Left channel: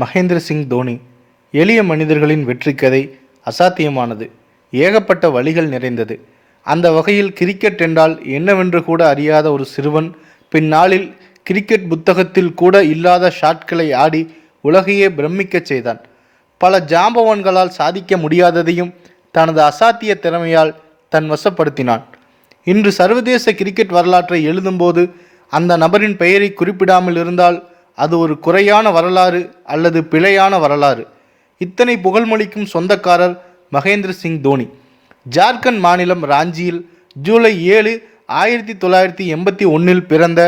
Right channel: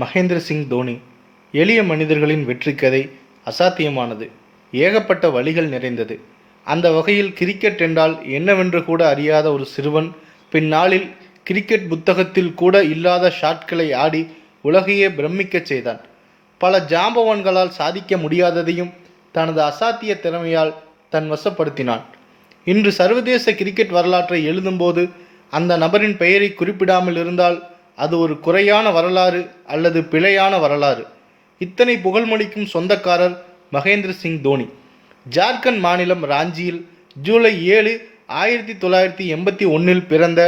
மகேந்திர சிங் தோனி எளிய மனிதர்களின் வெற்றி கதை அசாத்தியமானது. ஏகப்பட்ட வழிகள் நிறைந்தது. அந்த வகையில் கிரிக்கெட் என்றால் என்னவென்று கூட அறியாத ஒரு சிறுவன் பின்னாளில் கிரிக்கெட் புத்தகத்தில் கூட இல்லாத ஷாட்களை ஆடி உலகையே பிரமிக்கச் செய்தான். பல ஜாம்பவான்களால் சாதிக்க முடியாததையும் தனது அசாத்திய திறமையால் தன் வசப்படுத்தினான். இன்று சர்வதேச கிரிக்கெட் வரலாற்றை எழுதும்போது அந்த நபரின் பெயரை குறிப்பிடாமல் இருந்தால் அது ஒரு குறையான வரலாறு அல்லது பிழையான வரலாறு. இத்தனை புகழ்மொழிக்கும் சொந்தக்காரர் மகேந்திர சிங் தோனி. ஜார்க்கண்ட் மாநிலம் ராஞ்சியில் ஜூலை ஏழு ஆயிரத்தி தொள்ளாயிரத்தி எண்பத்தி ஒன்றில் பிறந்த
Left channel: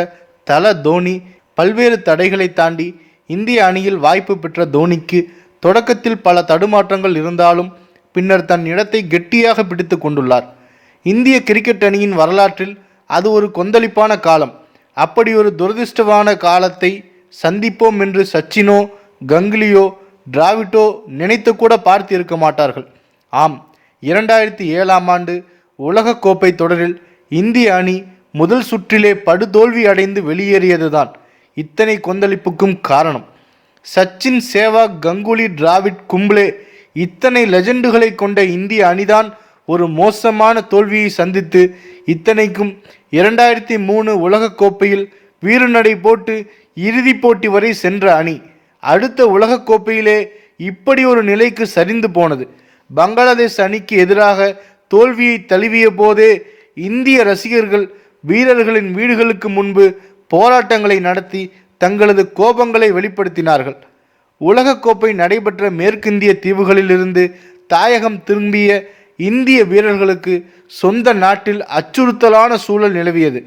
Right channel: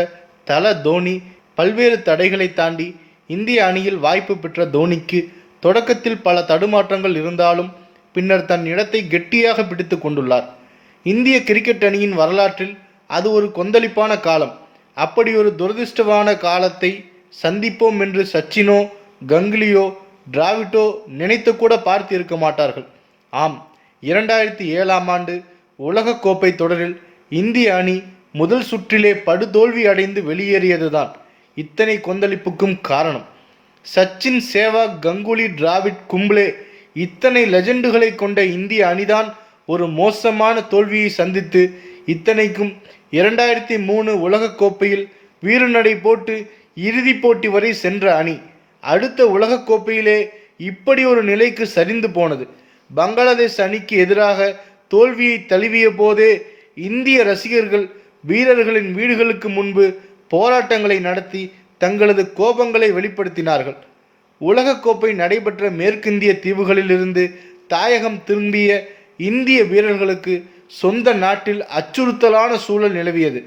தல தோனி பல்வேறு தடைகளை தாண்டி இந்திய அணியில் வாய்ப்பு பெற்ற தோனிக்கு தொடக்கத்தில் பல தடுமாற்றங்கள் இருந்தாலும் பின்னர் தன் இடத்தை கெட்டியாக பிடித்து கொண்டுள்ளார். இந்திய கிரிக்கெட் அணியின் வரலாற்றில் அது ஒரு கொந்தளிப்பான காலம். அப்படி ஒரு துரதிருஷ்டமான காலத்தை சந்திப்போம் என்று சச்சினோ கங்குலியோ டிராவிட்டோ நினைத்து கூட பார்த்து இருக்க மாட்டார்கள். ஆம் இரண்டாயிரத்தி ஏழாம் ஆண்டு உலகக்கோப்பை தொடரில் இந்திய அணி முதல் சுற்றிலே படுதோல்வி அடைந்து வெளியேறியதுதான் இத்தனை கொந்தளிப்புக்கும் காரணம். சச்சின் சேவாக் கங்குலி டிராவிட் கும்ப்ளே இத்தனை லெஜண்டுகளை கொண்ட இந்திய அணிதான் ஒரு மோசமான தோல்வியை சந்தித்து இத்தனைக்கும் இரண்டாயிரத்தி மூணு உலகக்கோப்பையில் வீறுநடை போட்டு இறுதிப் போட்டி வரை சென்ற அணி. அடுத்த உலகக்கோப்பையிலே இப்படி ஒரு நிலைக்கு சரிந்து போனது. பங்களாதேஷ் அணிக்கு எதிராக தோல்வியை தழுவிய போதே இந்திய ரசிகர்கள் வீரர்களின் வீடுகளுக்கு முன்பு போராட்டங்களை நடத்தி தங்களது கோபங்களை வெளிப்படுத்தினார்கள். உலகக்கோப்பை நடைபெற்ற மேற்கிந்திய தீவுகளிலிருந்து தாயகம் திரும்பிய இந்திய வீரர்களுக்கு சொந்த நாட்டில் அச்சுறுத்தலான சூழல் நிலவியது.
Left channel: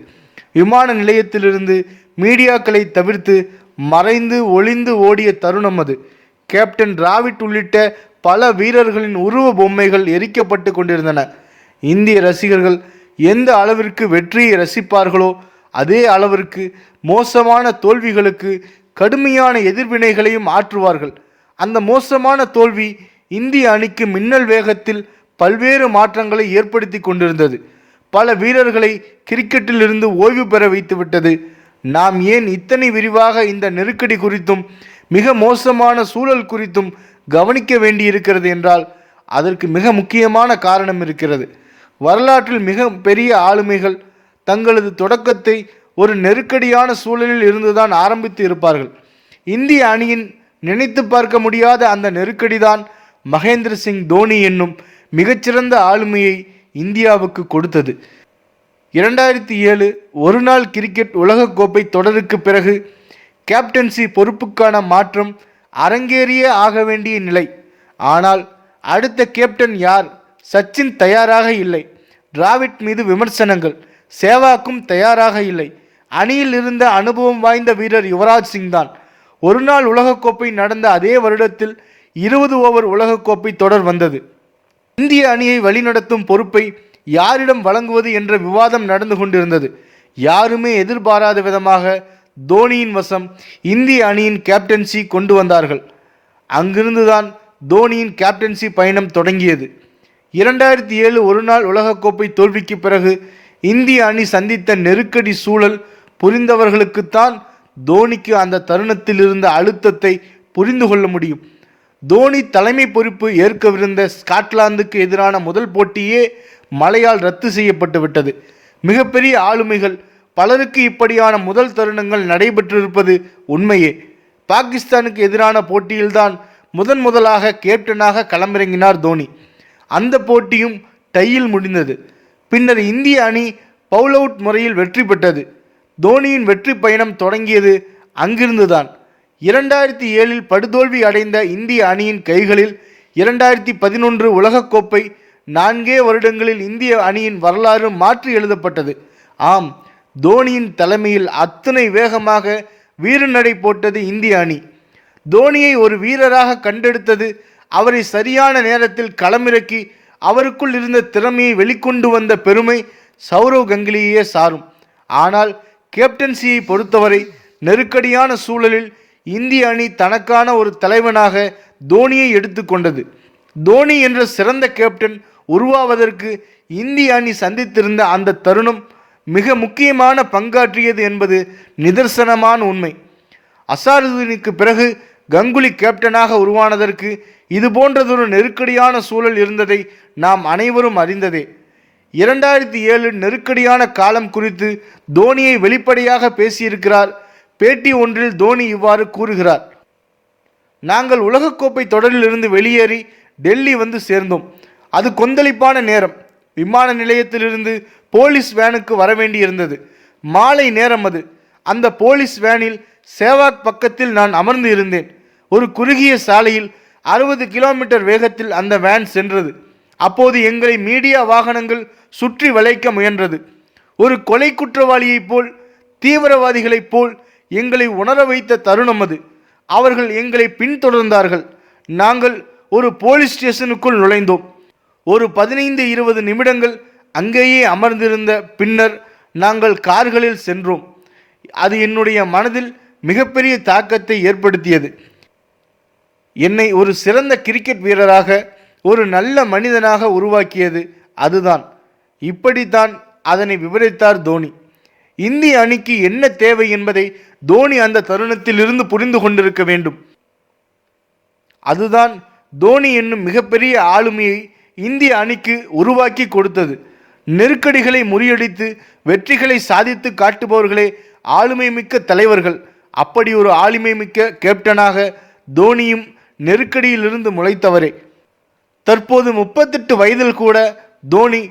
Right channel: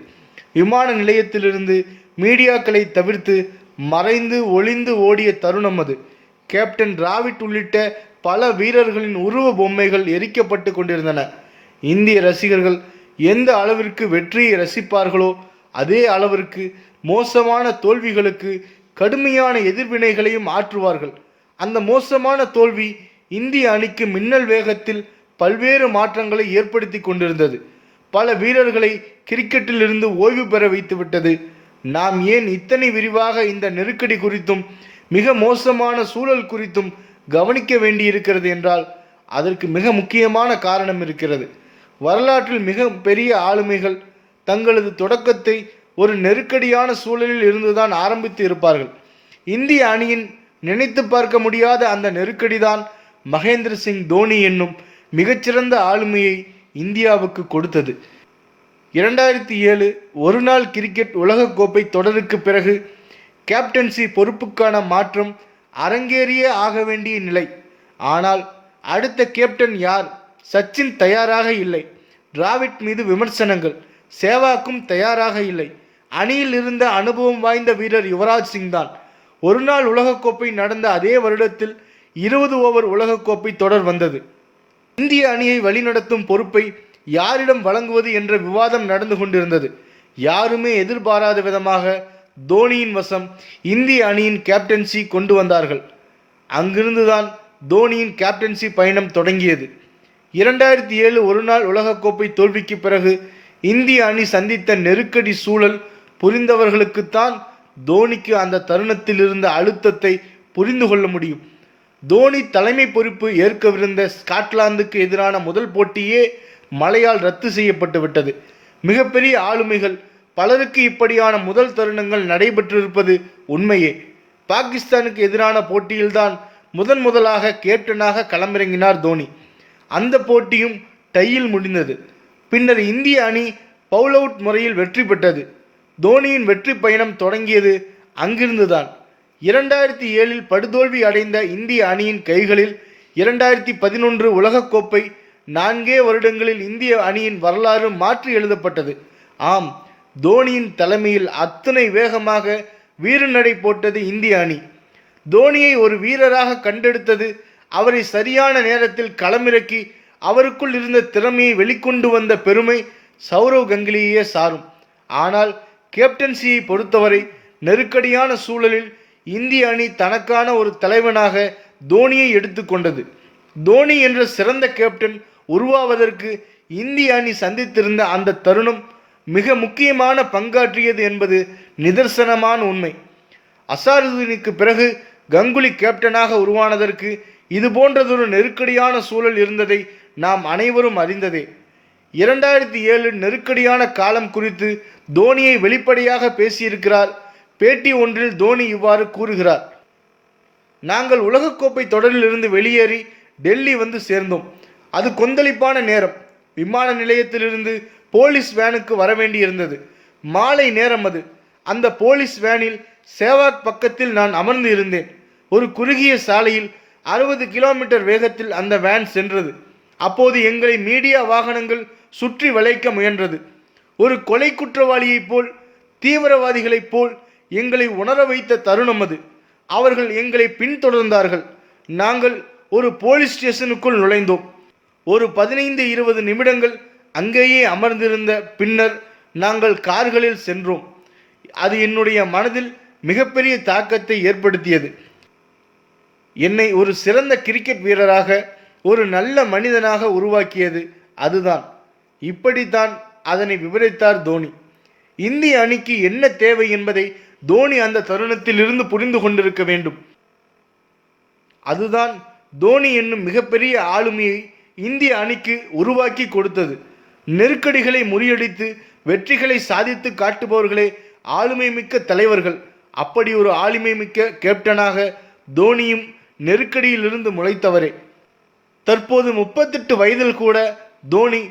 விமான நிலையத்திலிருந்து மீடியாக்களை தவிர்த்து மறைந்து ஒளிந்து ஓடிய தருணம் அது. கேப்டன் டிராவிட் உள்ளிட்ட பல வீரர்களின் உருவ பொம்மைகள் எரிக்கப்பட்டு கொண்டிருந்தன. இந்திய ரசிகர்கள் எந்த அளவிற்கு வெற்றியை ரசிப்பார்களோ அதே அளவிற்கு மோசமான தோல்விகளுக்கு கடுமையான எதிர்வினைகளையும் ஆற்றுவார்கள். அந்த மோசமான தோல்வி இந்திய அணிக்கு மின்னல் வேகத்தில் பல்வேறு மாற்றங்களை ஏற்படுத்தி கொண்டிருந்தது. பல வீரர்களை கிரிக்கெட்டிலிருந்து ஓய்வு பெற வைத்துவிட்டது. நாம் ஏன் இத்தனை விரிவாக இந்த நெருக்கடி குறித்தும் மிக மோசமான சூழல் குறித்தும் கவனிக்க வேண்டியிருக்கிறது என்றால் அதற்கு மிக முக்கியமான காரணம் இருக்கிறது. வரலாற்றில் மிக பெரிய ஆளுமைகள் தங்களது தொடக்கத்தை ஒரு நெருக்கடியான சூழலில் இருந்துதான் ஆரம்பித்து இருப்பார்கள். இந்திய அணியின் நினைத்து பார்க்க முடியாத அந்த நெருக்கடிதான் மகேந்திர சிங் தோனி என்னும் மிகச்சிறந்த ஆளுமையை இந்தியாவுக்கு கொடுத்தது. இரண்டாயிரத்தி ஏழு ஒருநாள் கிரிக்கெட் உலகக்கோப்பை தொடருக்கு பிறகு கேப்டன்சி பொறுப்புக்கான மாற்றம் அரங்கேறியே ஆக வேண்டிய நிலை. ஆனால் அடுத்த கேப்டன் யார்? சச்சின் தயாராக இல்லை. டிராவிட் மீது விமர்சனங்கள். சேவாக்கும் தயாராக இல்லை. அணியில் இருந்த அனுபவம் வாய்ந்த வீரர் யுவராஜ் சிங் தான் ஒருநாள் உலகக்கோப்பை நடந்த அதே வருடத்தில் இருபது ஓவர் உலகக்கோப்பை தொடர் வந்தது. இந்திய அணியை வழிநடத்தும் பொறுப்பை யாரிடம் வழங்குவது என்ற விவாதம் நடந்து கொண்டிருந்தது. யாருமே எதிர்பாராத விதமாக தோனியின் வசம் இந்திய அணியின் கேப்டன்சி கொண்டு வந்தார்கள். அங்கிருந்துதான் தோனியின் கேப்டன்சி பயணம் தொடங்கியது. இரண்டாயிரத்தி ஏழு ஒருநாள் உலகக்கோப்பை தோல்விக்கு பிறகு இந்திய அணி சந்தித்த நெருக்கடி சூழல் புரிந்தவர்களுக்குத்தான் தோனிக்கு அந்த தருணத்தில் இருந்த அழுத்தத்தை புரிந்து கொள்ள முடியும். தோனி தலைமை பொறுப்பு ஏற்கவிருந்த ஸ்காட்லாந்துக்கு எதிரான முதல் போட்டியே மழையால் ரத்து செய்யப்பட்டு விட்டது. மிகப்பெரிய ஆளுமைகள் பலருக்கு இப்படியான முதல் தருணங்கள் நடைபெற்றிருப்பது உண்மையே. பாகிஸ்தானுக்கு எதிரான போட்டியில்தான் முதன் முதலாக கேப்டனாக களமிறங்கினார் தோனி. அந்த போட்டியும் டையில் முடிந்தது. பின்னர் இந்திய அணி பவுல் அவுட் முறையில் வெற்றி பெற்றது. தோனியின் வெற்றி பயணம் தொடங்கியது அங்கிருந்துதான். இரண்டாயிரத்தி ஏழில் படுதோல்வி அடைந்த இந்திய அணியின் கைகளில் இரண்டாயிரத்தி பதினொன்று உலகக்கோப்பை நான்கே வருடங்களில் இந்திய அணியின் வரலாறு மாற்றி எழுதப்பட்டது. ஆம் தோனியின் தலைமையில் அத்தனை வேகமாக வீரநடை போட்டது இந்திய அணி. தோனியை ஒரு வீரராக கண்டெடுத்தது அவரை சரியான நேரத்தில் களமிறக்கி அவருக்குள் இருந்த திறமையை வெளிக்கொண்டு வந்த பெருமை சௌரவ் கங்குலியே சாரும். ஆனால் கேப்டன்சியை பொறுத்தவரை நெருக்கடியான சூழலில் இந்திய அணி தனக்கான ஒரு தலைவனாக தோனியை எடுத்துக்கொண்டது. தோனி என்ற சிறந்த கேப்டன் உருவாவதற்கு இந்திய அணி சந்தித்திருந்த அந்த தருணம் மிக முக்கியமான பங்காற்றியது என்பது நிதர்சனமான உண்மை. அசாருதீனுக்கு பிறகு கங்குலி கேப்டனாக உருவானதற்கு இது போன்றதொரு நெருக்கடியான சூழல் இருந்ததை நாம் அனைவரும் அறிந்ததே. இரண்டாயிரத்தி ஏழு நெருக்கடியான காலம் குறித்து தோனியை வெளிப்படையாக பேசியிருக்கிறார். பேட்டி ஒன்றில் தோனி இவ்வாறு கூறுகிறார். நாங்கள் உலகக்கோப்பை தொடரிலிருந்து வெளியேறி டெல்லி வந்து சேர்ந்தோம். அது கொந்தளிப்பான நேரம். விமான நிலையத்திலிருந்து போலீஸ் வேனுக்கு வரவேண்டியிருந்தது மாலை நேரம் அது. அந்த போலீஸ் வேனில் சேவாக் பக்கத்தில் நான் அமர்ந்து இருந்தேன். ஒரு குறுகிய சாலையில் அறுபது கிலோமீட்டர் வேகத்தில் அந்த வேன் சென்றது. அப்போது எங்களை மீடியா வாகனங்கள் சுற்றி வளைக்க முயன்றது. ஒரு கொலை குற்றவாளியைப் போல் தீவிரவாதிகளைப் போல் எங்களை உணர வைத்த தருணம் அது. அவர்கள் எங்களை பின்தொடர்ந்தார்கள். நாங்கள் ஒரு போலீஸ் ஸ்டேஷனுக்குள் நுழைந்தோம். ஒரு பதினைந்து இருபது நிமிடங்கள் அங்கேயே அமர்ந்திருந்த பின்னர் நாங்கள் கார்களில் சென்றோம். அது என்னுடைய மனதில் மிகப்பெரிய தாக்கத்தை ஏற்படுத்தியது. என்னை ஒரு சிறந்த கிரிக்கெட் வீரராக ஒரு நல்ல மனிதனாக உருவாக்கியது அதுதான். இப்படித்தான் அதனை விவரித்தார் தோனி. இந்திய அணிக்கு என்ன தேவை என்பதை தோனி அந்த தருணத்தில் இருந்து புரிந்து கொண்டிருக்க வேண்டும். அதுதான் தோனி என்னும் மிகப்பெரிய ஆளுமையை இந்திய அணிக்கு உருவாக்கி கொடுத்தது. நெருக்கடிகளை முறியடித்து வெற்றிகளை சாதித்து காட்டுபவர்களே ஆளுமை மிக்க தலைவர்கள். அப்படி ஒரு ஆளுமை மிக்க கேப்டனாக தோனியும் நெருக்கடியிலிருந்து முளைத்தவரே. தற்போது முப்பத்தெட்டு வயதில் கூட தோனி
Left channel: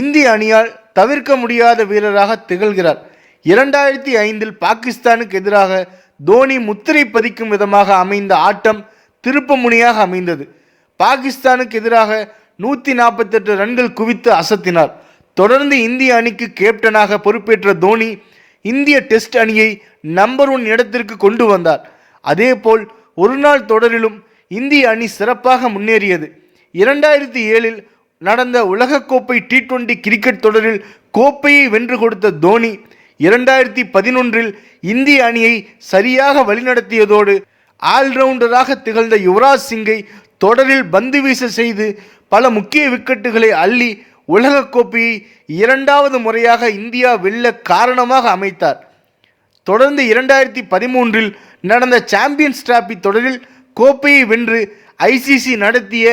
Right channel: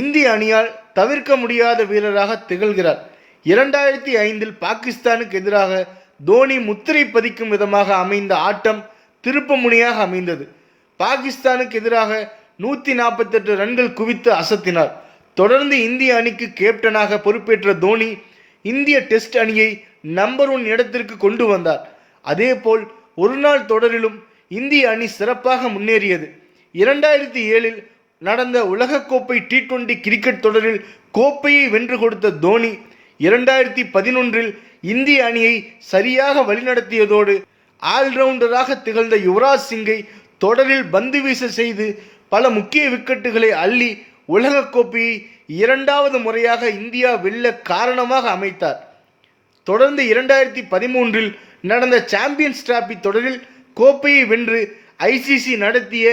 இந்திய அணியால் தவிர்க்க முடியாத வீரராக திகழ்கிறார். இரண்டாயிரத்தி ஐந்தில் பாகிஸ்தானுக்கு எதிராக தோனி முத்திரை பதிக்கும் விதமாக அமைந்த ஆட்டம் திருப்பமுனியாக அமைந்தது. பாகிஸ்தானுக்கு எதிராக நூற்றி நாற்பத்தெட்டு ரன்கள் குவித்து அசத்தினார். தொடர்ந்து இந்திய அணிக்கு கேப்டனாக பொறுப்பேற்ற தோனி இந்திய டெஸ்ட் அணியை நம்பர் ஒன் இடத்திற்கு கொண்டு வந்தார். அதேபோல் ஒரு நாள் தொடரிலும் இந்திய அணி சிறப்பாக முன்னேறியது. இரண்டாயிரத்தி ஏழில் நடந்த உலகக்கோப்பை டி டுவெண்டி கிரிக்கெட் தொடரில் கோப்பையை வென்று கொடுத்த தோனி இரண்டாயிரத்தி பதினொன்றில் இந்திய அணியை சரியாக வழிநடத்தியதோடு ஆல்ரவுண்டராக திகழ்ந்த யுவராஜ் சிங்கை தொடரில் பந்து வீச செய்து பல முக்கிய விக்கெட்டுகளை அள்ளி உலகக்கோப்பையை இரண்டாவது முறையாக இந்தியா வெல்ல காரணமாக அமைத்தார். தொடர்ந்து இரண்டாயிரத்தி பதிமூன்றில் நடந்த சாம்பியன்ஸ் டிராபி தொடரில் கோப்பையை வென்று ஐசிசி நடத்திய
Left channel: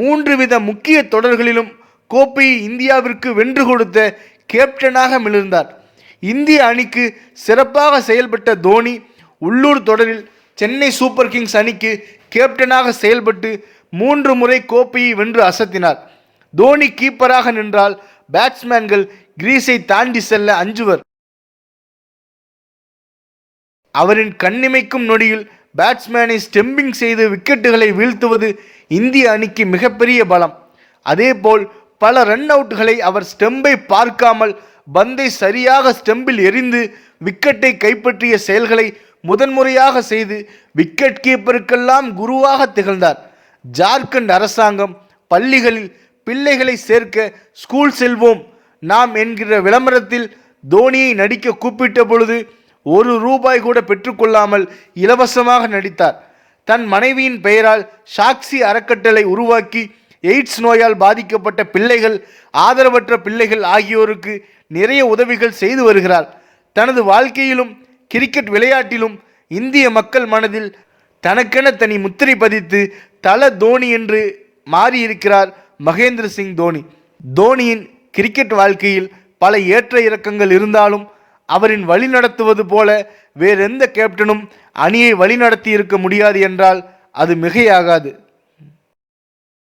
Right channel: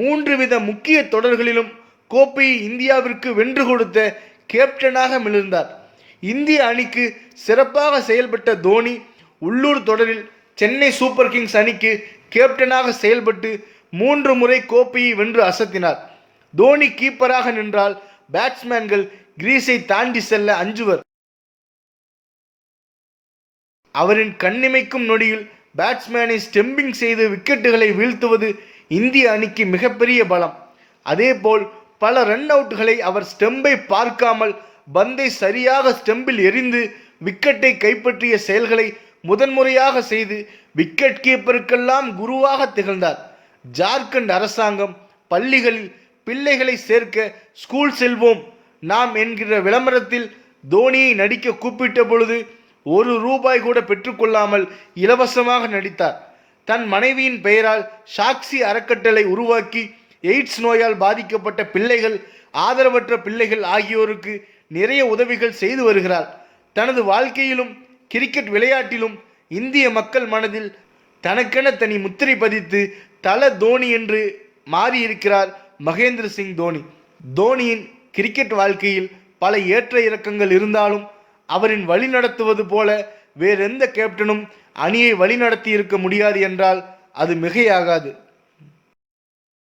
மூன்று வித முக்கிய தொடர்களிலும் கோப்பையை இந்தியாவிற்கு வென்று கொடுத்த கேப்டனாக மிளிர்ந்தார். இந்திய அணிக்கு சிறப்பாக செயல்பட்ட தோனி உள்ளூர் தொடரில் சென்னை சூப்பர் கிங்ஸ் அணிக்கு கேப்டனாக செயல்பட்டு மூன்று முறை கோப்பையை வென்று அசத்தினார். தோனி கீப்பராக நின்றால் பேட்ஸ்மேன்கள் கிரீஸை தாண்டி செல்ல அஞ்சுவர். அவரின் கண்ணிமைக்கும் நொடியில் பேட்ஸ்மேனை ஸ்டெம்பிங் செய்து விக்கெட்டுகளை வீழ்த்துவது இந்திய அணிக்கு மிகப்பெரிய பலம். அதேபோல் பல ரன் அவுட்களை அவர் ஸ்டெம்பை பார்க்காமல் பந்தை சரியாக ஸ்டெம்பில் எரிந்து விக்கெட்டை கைப்பற்றிய செயல்களை முதன்முறையாக செய்து விக்கெட் கீப்பருக்கெல்லாம் குருவாக திகழ்ந்தார். ஜார்க்கண்ட் அரசாங்கம் பள்ளிகளில் பிள்ளைகளை சேர்க்க ஸ்கூல் செல்வோம். நாம் என்கிற விளம்பரத்தில் தோனியை நடிக்க கூப்பிட்ட பொழுது ஒரு ரூபாய் கூட பெற்றுக்கொள்ளாமல் இலவசமாக நடித்தார். தன் மனைவியின் பெயரால் சாக்சி அறக்கட்டளை உருவாக்கி எய்ட்ஸ் நோயால் பாதிக்கப்பட்ட பிள்ளைகள் ஆதரவற்ற பிள்ளைகள் ஆகியோருக்கு நிறைய உதவிகள் செய்து வருகிறார். தனது வாழ்க்கையிலும் கிரிக்கெட் விளையாட்டிலும் இந்திய மக்கள் மனதில் தனக்கென தனி முத்திரை பதித்து தல தோனி என்று மாறியிருக்கிறார் மகேந்திர சிங் தோனி. தோனியின் கிரிக்கெட் வாழ்க்கையில் பல ஏற்ற இறக்கங்கள் இருந்தாலும் அவரின் வழிநடத்துவது போல வேறெந்த கேப்டனும் அணியை வழிநடத்தி இருக்க முடியாது என்றால் அது மிகையாகாது.